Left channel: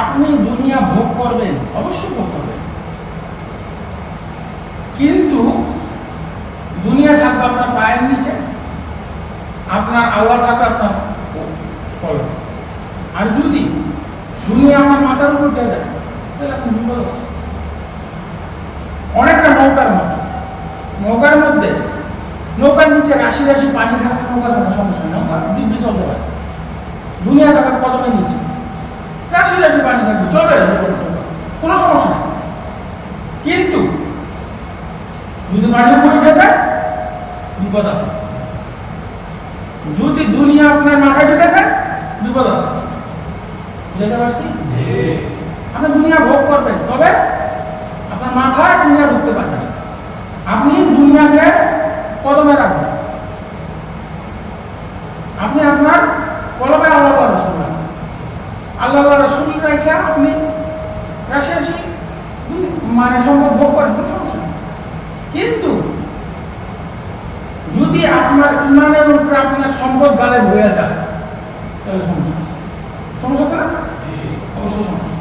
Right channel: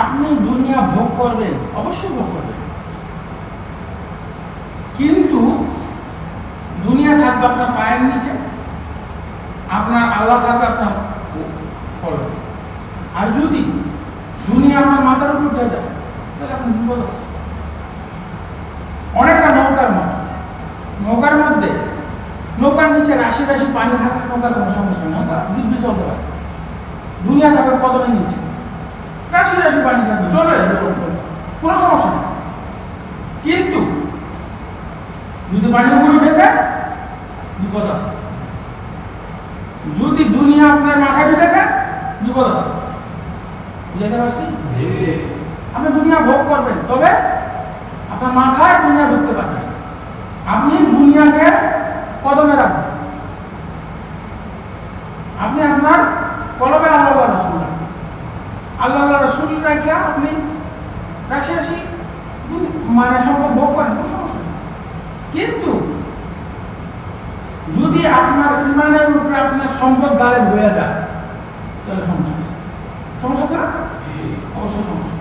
আপনি দুনিয়া ভোগ করবেন, অবশ্যই ভোগ করবেন, কিন্তু দুনিয়া থাকবে আপনার পায়ের নিচে, আপনার আল্লাহ থাকবে আপনার কলম। আর যদি দুনিয়া আমার মাথার উপর দিয়ে যায় তাহলে আপনি বিপদ আছে। অনেকটা নৌকার মতো, নৌকার মধ্যে নৌকার নিচে রাশি রাশি পানি থাকলে নৌকার কোনো সমস্যা নেই, নৌকা দিব্যি চলতে পারে। দুনিয়া থাকবে কদমের নিচে রাশি রাশি পানি থাকবে, চলে কোনো সমস্যা নেই। কিন্তু যদি পানির উপরে উঠে যায় বিপদ আছে। যদি দুনিয়া আপনার মাথায় ঢুকে যায় বিপদ আছে। বুঝাতে পারছি? আপনি দুনিয়া ভোগ করবেন, তবে আপনার মাথায় দুনিয়া ঢুকতে পারবেন। আপনি দুনিয়াকে কদমে রাখবেন, আপনি আপনার কলবে আল্লাহ রাসূল রাখবেন। আল্লাহ রাসূল রেখে আপনি রাশি মানে সম্পদ ভোগ করেন, কোনো সমস্যা নেই। কিন্তু যদি আপনার ইমানের উপরে আপনার সম্পদ গালে হয়ে যায় তাহলে সমস্যা আছে। সমস্যা আছে? অবশ্যই সমস্যা।